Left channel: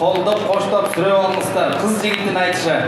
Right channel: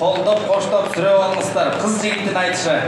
Қолдап қоштап сүреп алыңыздар. Қыз жігіттің айтышы.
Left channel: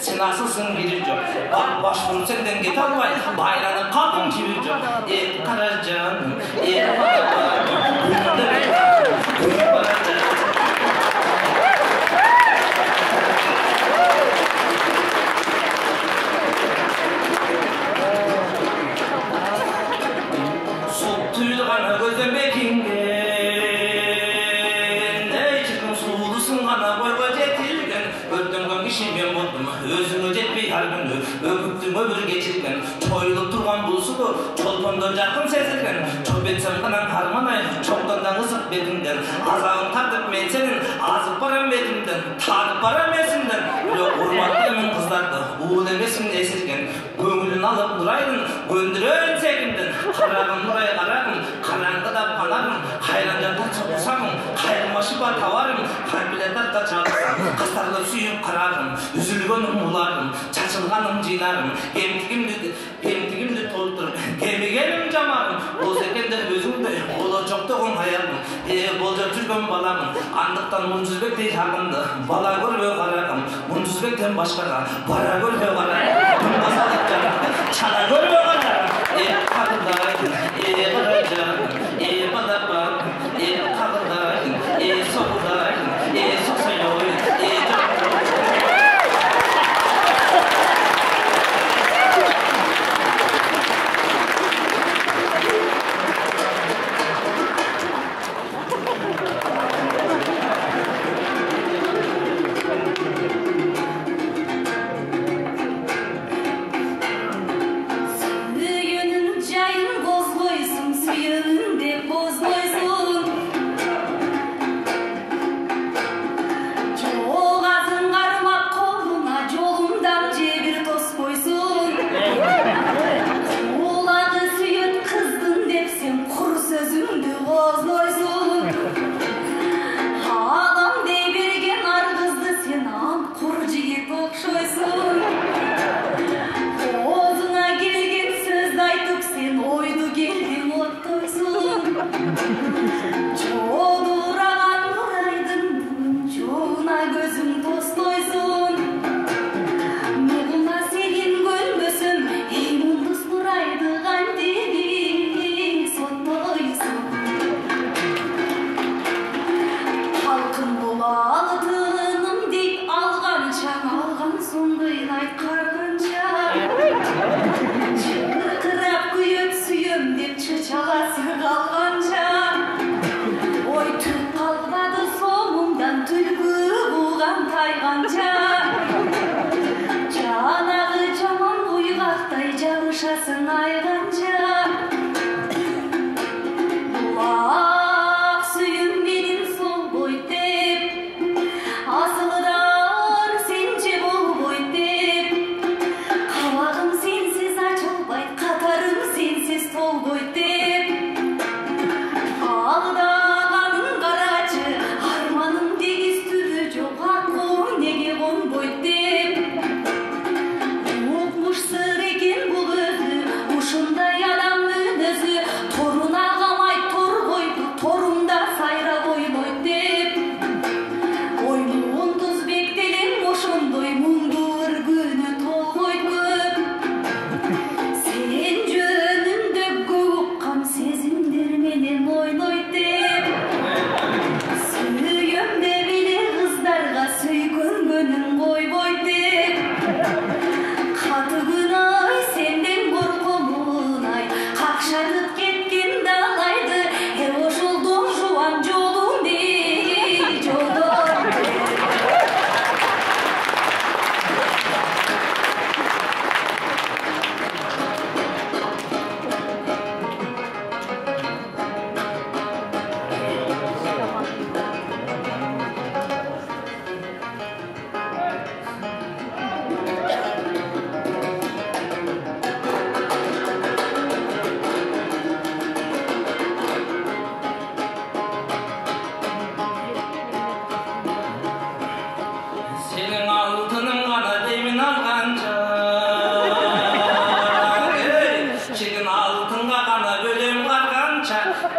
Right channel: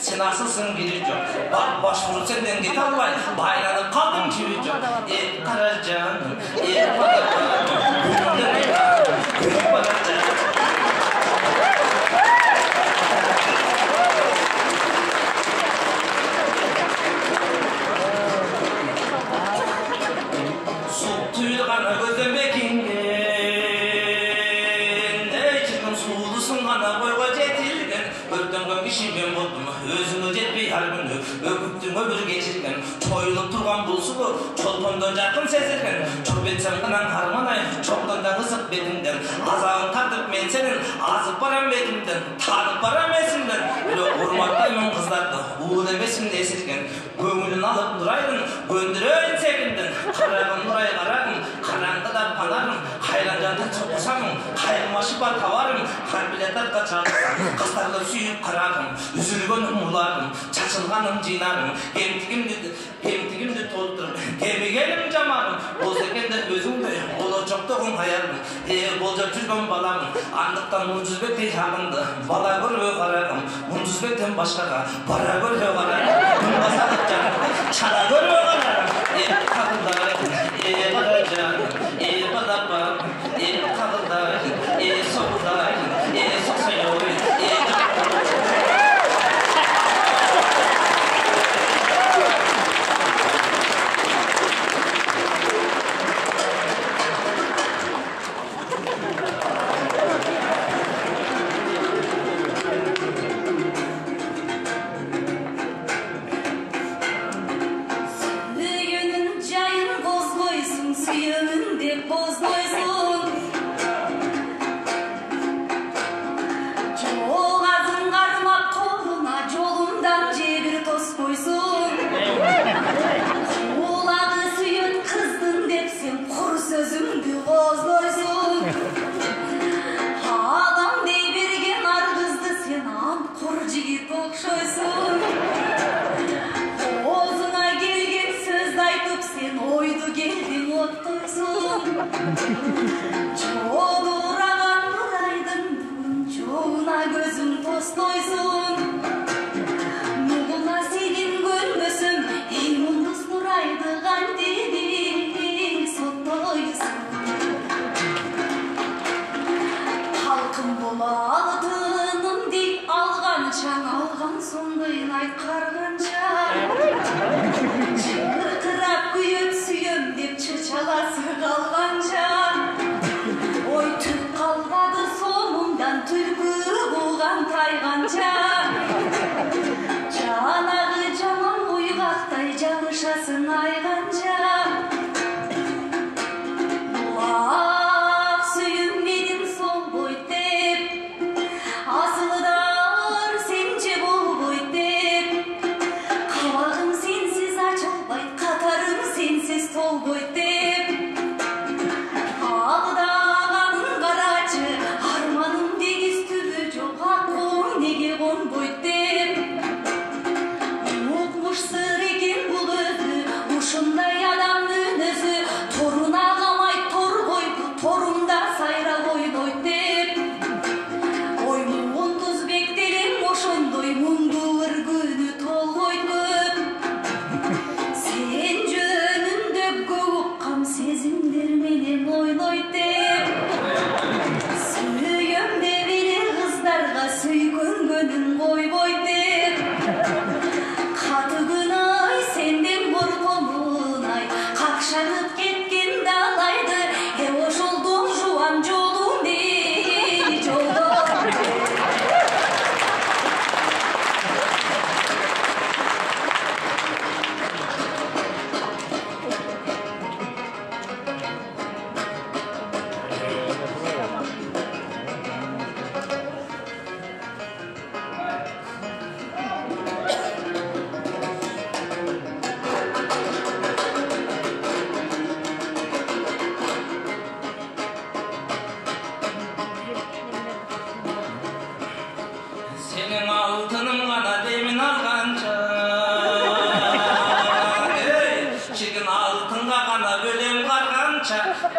Sen asılsın giri çok. Bak başvuru senden git almay. Bayranın kalkın gibi çok. Karacanım. Su tuyulğana gözden bekinde. Ne çıkın sulusun hana boyga jetilgen. Ördüm kişigen buldum. Özümü jetpey har günü. Öpüktün ömür geçirgen. Toyulup turgan bulsudu. Çolpondan jakın sezilgen. Çöp etsem kanan harmanay. Çoktandan ısıp betimden. Azağın tartıp men senin. Azıp baram betimden. Tanıp baram esimden. Öyle urmatlayman kızlardı. Uğul emesim esirgen. Göңülün alıp nuraydın. Göndürön sekimden. Karagın nuray karagın. Kanangıda panarım. Kayranjanta çıpsamın. Kayrılmaşı var tavarım. Kalbiletarda çalsam. Kıstarlı suyup kararım, üzülgün umurlarım, çaçılganım cıynarım, kemtigimdi toldurum, kemigenim camarım, bozekender gözümde, olacaktoğun hayalım, bolca жүргөн balamın, andıktan muncuzbekte yakındı, bala görmöy kararım, muncuzbekten başkaga, bara görmöy kararım, bunbasalık canım, çana görmöy kararım, kadınlar, baracan, badapam, kadınlar, sokular, soksayoy,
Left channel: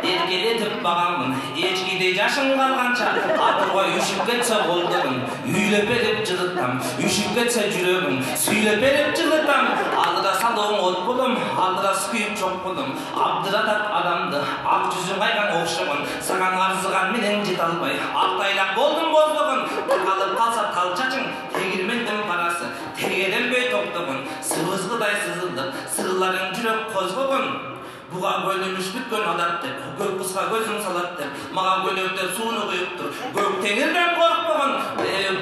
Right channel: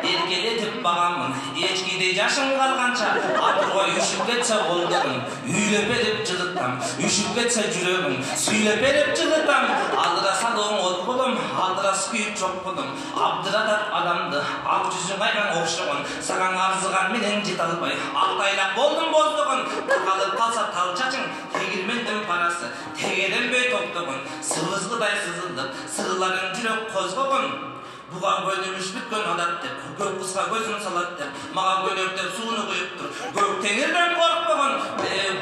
erkeletip bağamın, echkide yaşım kalgança, atırga üşüp ketse kollarım, üylep edip cılıttam, üşüp ketse жүрөгüm, süylep edip cılıttam, aldıra salığım ot bulum, aldıra süküyüp çok bulum, abdıratat adamdı, ak yüzün aygan okşuğun, sanan arzıgan menen jet albay, aktaylak boldum bozduğun, takalıp kalsa talçacın, tegirmendim parası, tegelenbey toptuğun, sıvızgıday sızıldı, sığıların жүрек kozguğun, buğa bölünüş bütkön adat dep, gök kısqa gözüm salat dep, mağa bölöktep suunu kuyuptur, gök teңирден korkpogın,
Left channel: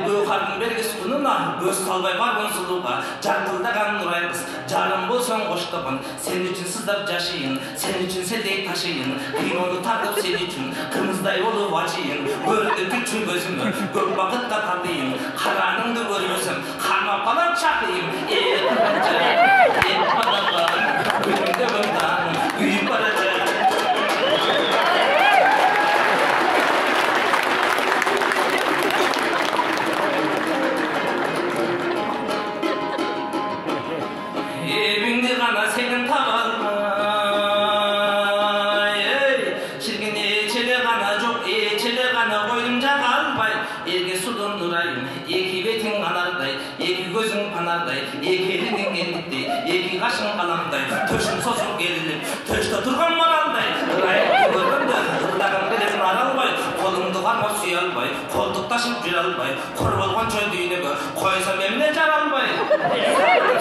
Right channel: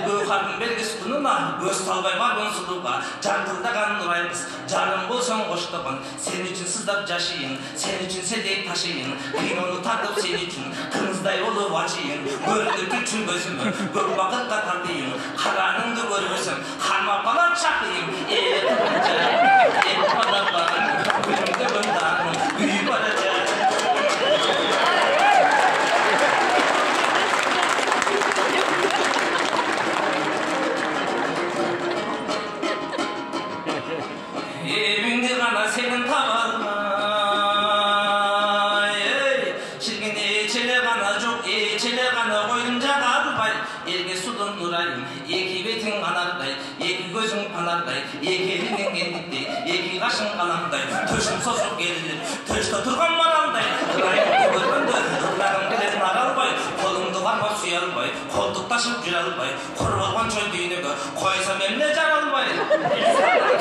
gök hardın belgisi kununa, göz salbay barbın suluğa, jarkıldagan nurayqız, jarım bolsoň koştogın, sen üçün sızdap jaşıyın, sen üçün seldey taşıyın, kinonu tartıp sen üçün, kırmızday olup açıyın, göründü bütün gözümü, gök bakıtta tatıyım, karanыңды görmösüm, karma falan çakıyım, padalar, gülümde böndanım, büyük baracak. жарылбай елге судан нұрайым екі бетің анардай екі көзің панардай екі еліңнен ендіктей екі қашың қанамдай төшім созып керіліп төшті тұрған маралдай ұрайымды көргенде ұрдағым келетін аралбай қолымды қармап сүйе албай қолтық ташып жүре албай құр болған шөл дүйнеге қойсам емне жаралбай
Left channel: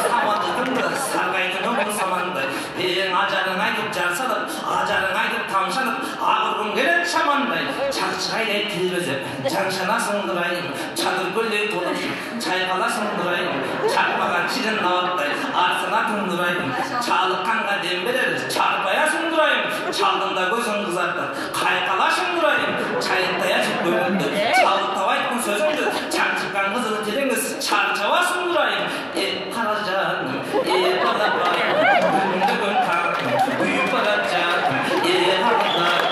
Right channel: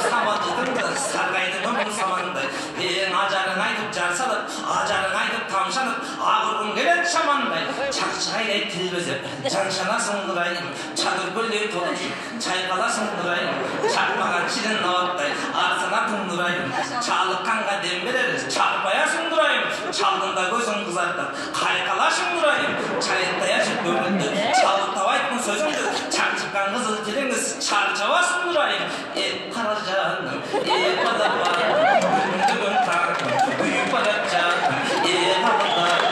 сабатытынды сарғайдың өмір самандай ең ажарың айтып жар салып ажарың айтып тамшанып ағырғым келеді шамандай чақчығайдай тіл безеп жаншанасың нұрайым чадыр көлдей толып чайқаласың нұрайым чақпаған ширин науаттай арсанатың нұрайым чалыққанға дем берер чарпаясың нұрайым чалғында көзің қызартып қайқалашың нұрайым чайықтай ашып көңілді чалықтап айттың сөзіңді чаншыққан қызыл тереңіз чарчабасың нұрайым қара жаным балапаным күнді таным күйіп бара жатым балапаным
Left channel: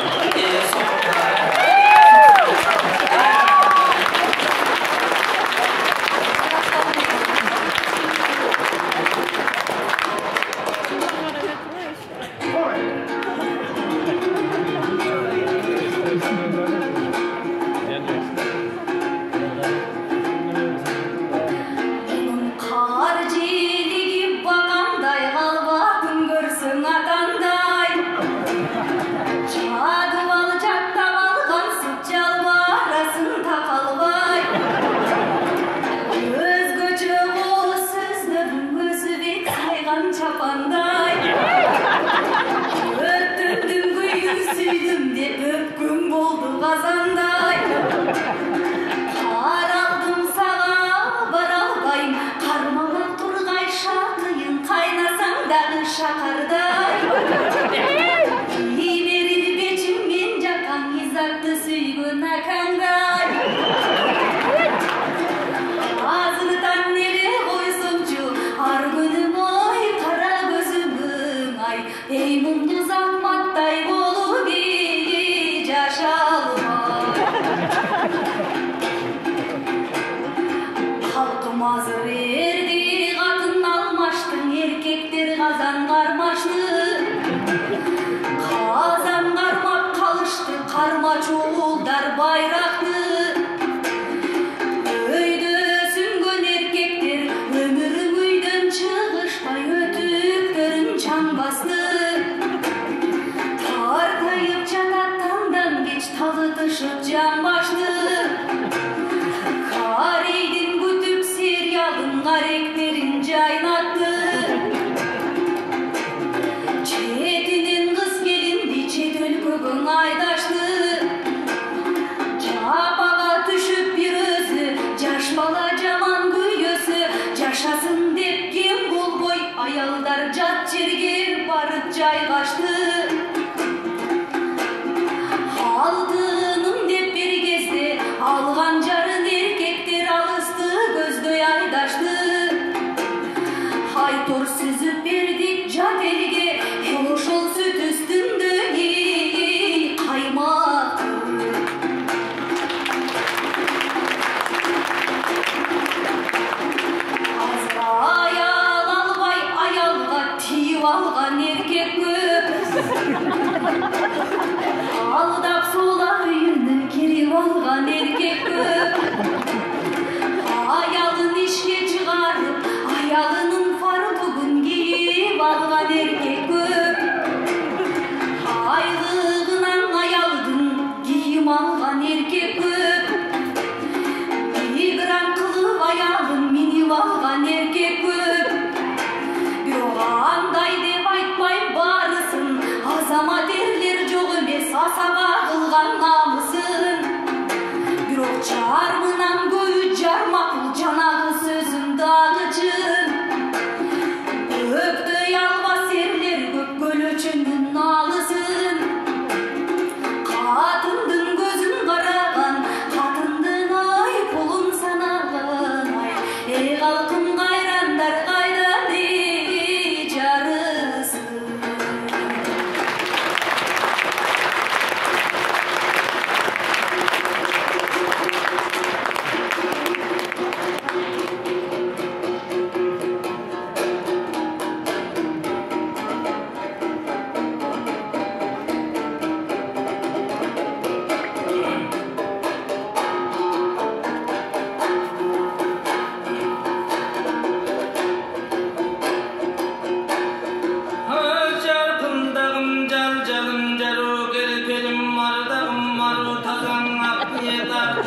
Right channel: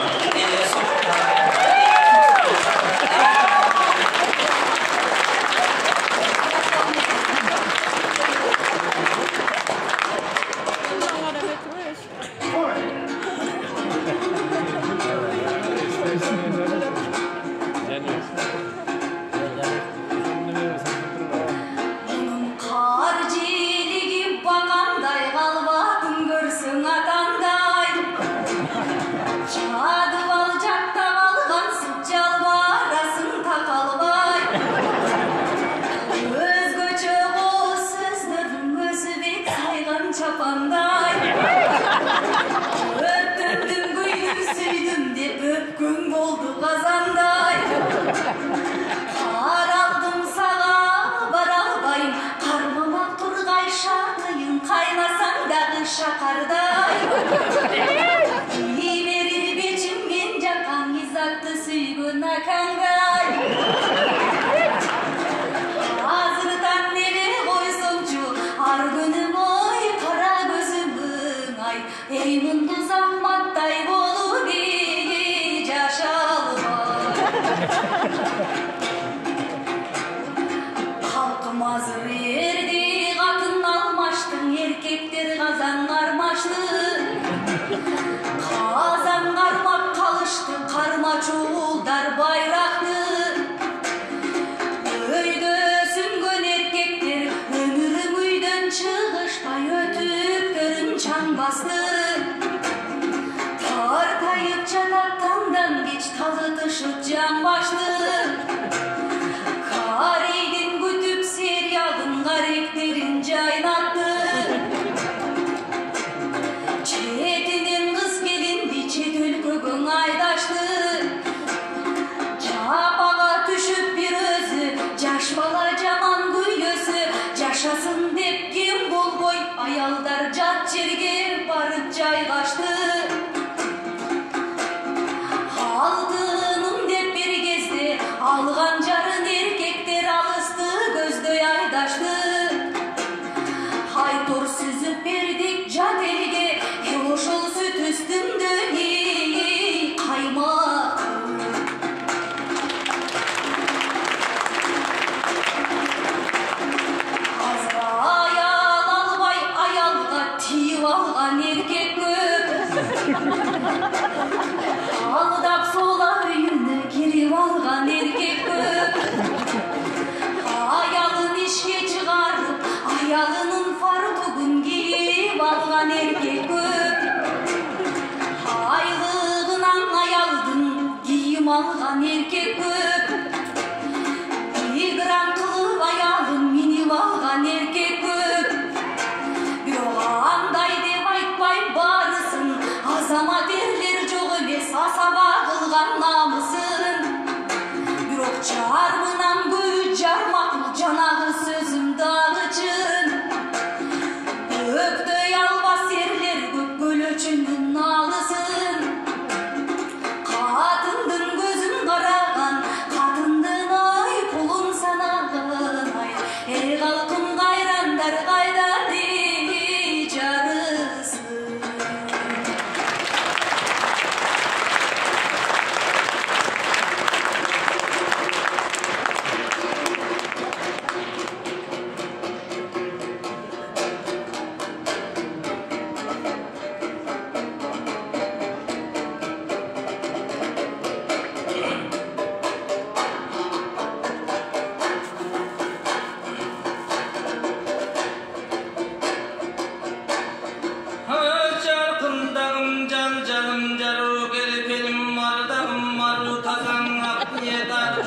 соқтарым Kar ciligi bagандай kalba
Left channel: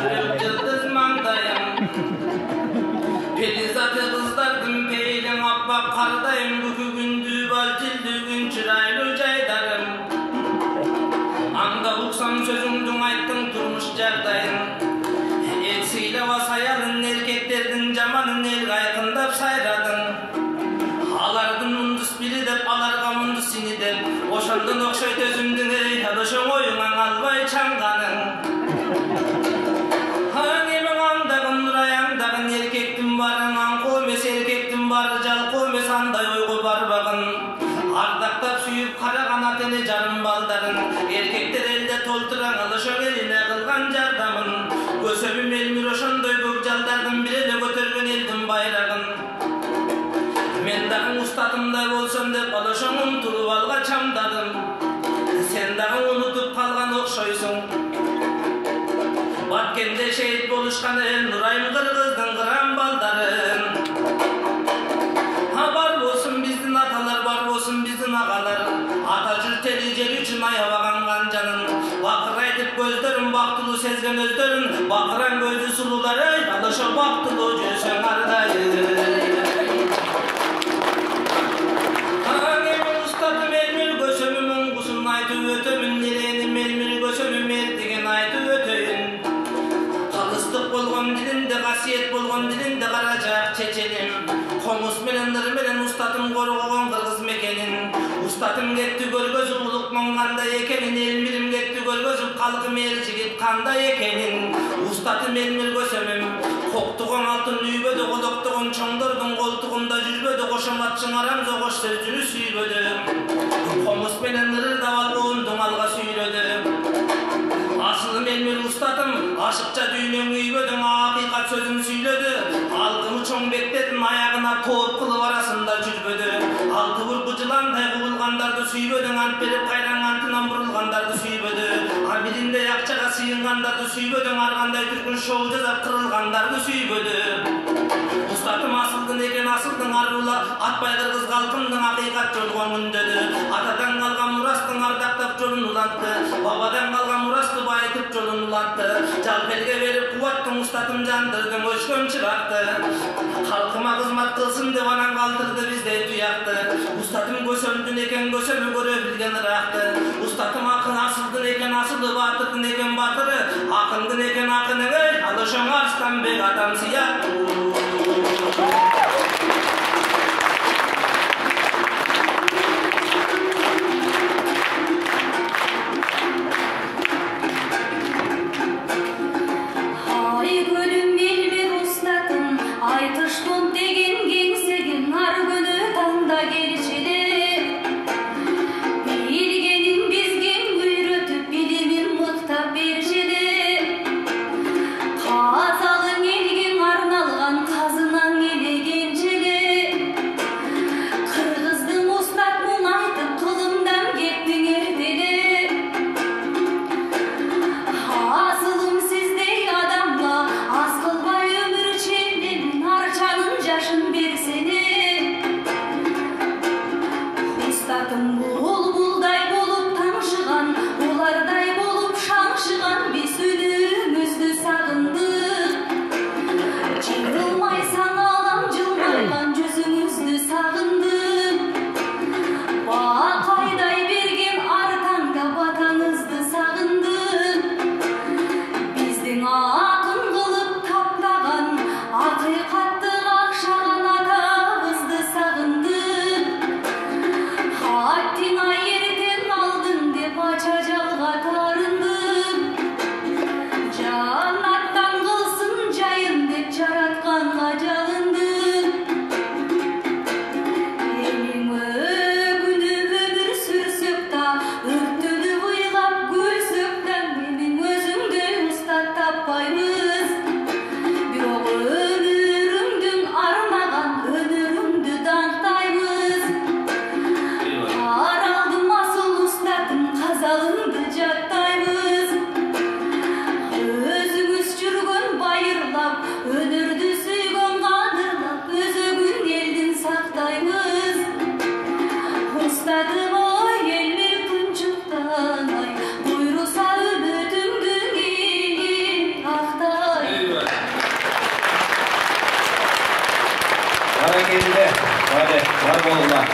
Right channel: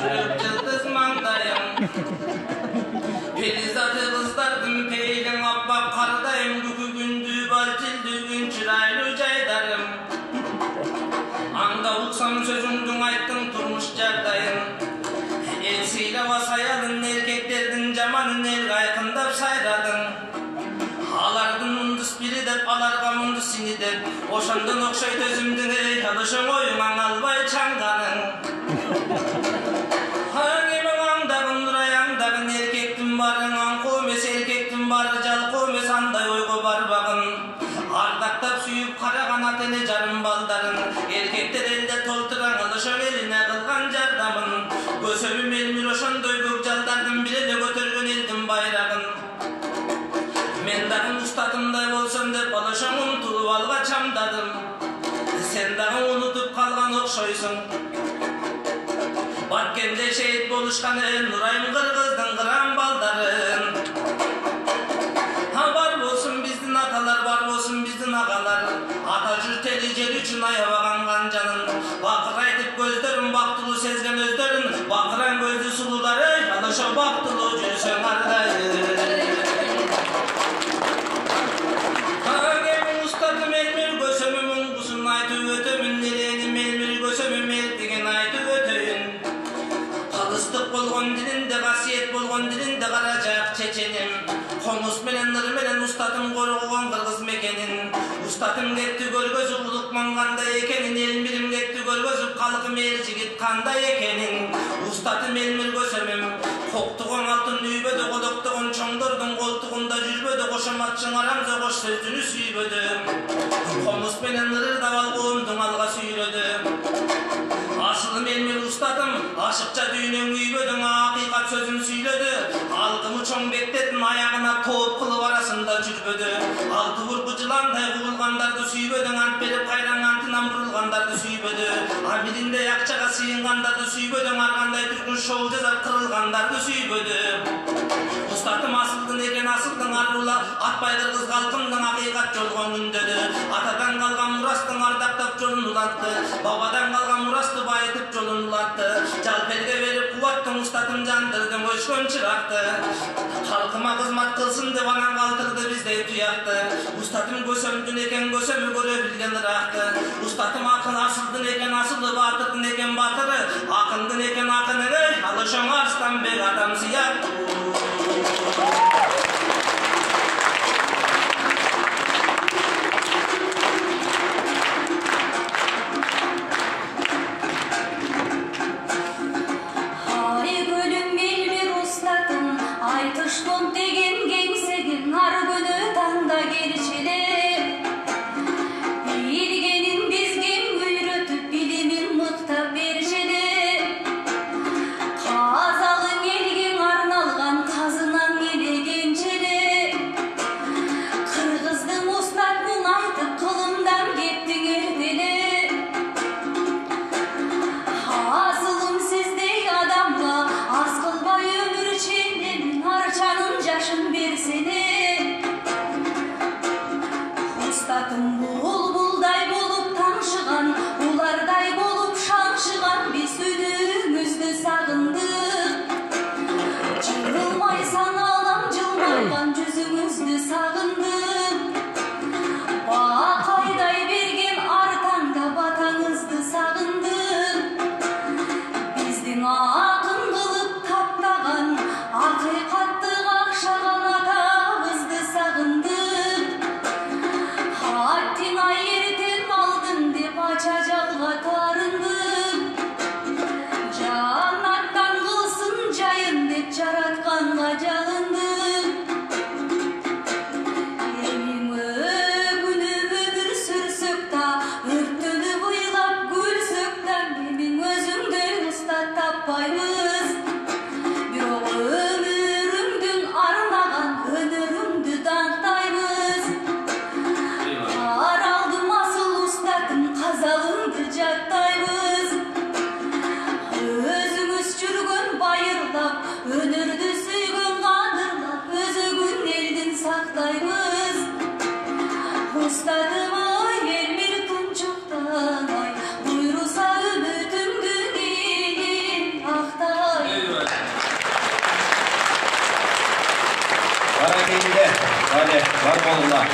жүрек жылдыз маңдайым. Перизаты кыздардын пейилиң аппак кардайым, күкү күндү балтилдүгүн чырайлуу жайдарым. Анда уксам сөзүңдүң айттың турмуш жагдайын. Эл сыйлаба саялын, эркектердин жаманын эл айкындап сайрадың. Алардын мундус бири деп, аларга мундус сини деп, ошондон окшойт өзүмдүң эй, ошоң оюңан албай чаңганың. Немең аңдагын нураяңдагын, эркектин барын аңко эмес, эркектин бары жалко эмес, андай ойго барбагын. Ардактап сүйүп караган ат эле жарым балдарын, эркектер элде толтураң ошоң элине кылган жардамын. Көсөмүм элмир ошондой көк жалдардын бир эле көтөргөн элдин байрагын. Мен дагы устатымдай болсом деп ошоң умтулуп алга чамдадым. Сен дагы унутуп калган окшойсуң. Баткенде шейит болушкан эл Нурайым кыргыздын кыран балдарын. Бар болсун биздин аталар, бар болсун биздин агалар. Ата жүртели жер үчүн аябаган канжанын. Бакыр айтып көздөрүн, бактылуу сезген өздөрүн. Бакыран көздү сулуулар, эй, ошо бактылуу жүрсөң ардайым. Устатым элмир көсөмүм уңгусун айтып өтөмүн, нереним элмир көсөмүм элтиген айтып өтөйүн. Калыстык болгон дилинде, касиет болгон дилинде каражак чеченим. Комуз менен ыр менен устатым коргогон кыргыз мекенин. Устатым кетти көргөзүп улукман кандай экенин, элмирим кетти көргөзүп калкым эр жигит кандай экенин. Устатым элмир көсөмүм, коктугон алтын үйбөдө, кодоктогон чоңдордун колтугунда жүрбөдө, кошоматчың арамза кош сөзүнү сүйбөдө. Комуз менен ырдап алгоомдуң алга сүйрөдү. Асылым элмир устатым, ашыкча дүйнөң үйбөдөң, акыйкат сөзүн сүйлөдү. Алкымы чоң бектердин аягына топ кылып арасында жүрбөдү. Алты бургу жыландай кубулгандарды сүйбөдөң, ант берип кайран антынан бурулгандарды сүйбөдү. Биринде акчага сыйынгандарды сүйбөдөң, ар кандай түркүн шоу жасап кырылгандарды сүйбөдү. Устатым асылдын экен, асылдың арула, атпай кыргыз калкымдын акыйкат жолго мүндөдү. Атадан калган мурастың ардактап жолун улатты, бабадан калган мурастты байытып жолун улатты. Жалперге берип кубаттың, устатым жандырдым өчкөн чыракты. Халкыма кызмат кылсын деп анан калтырды биздей туякты. Устатым көсөмдүн экен, көсөмү көрө билген ыраакты. Устатым акын асылдын экен, асылы батырдын экен батыры. Акындын экен акының, эй, ал ошоң Арстанбек атам сыяктуу. Казагың элгең арналган келді. Бар болыңдар.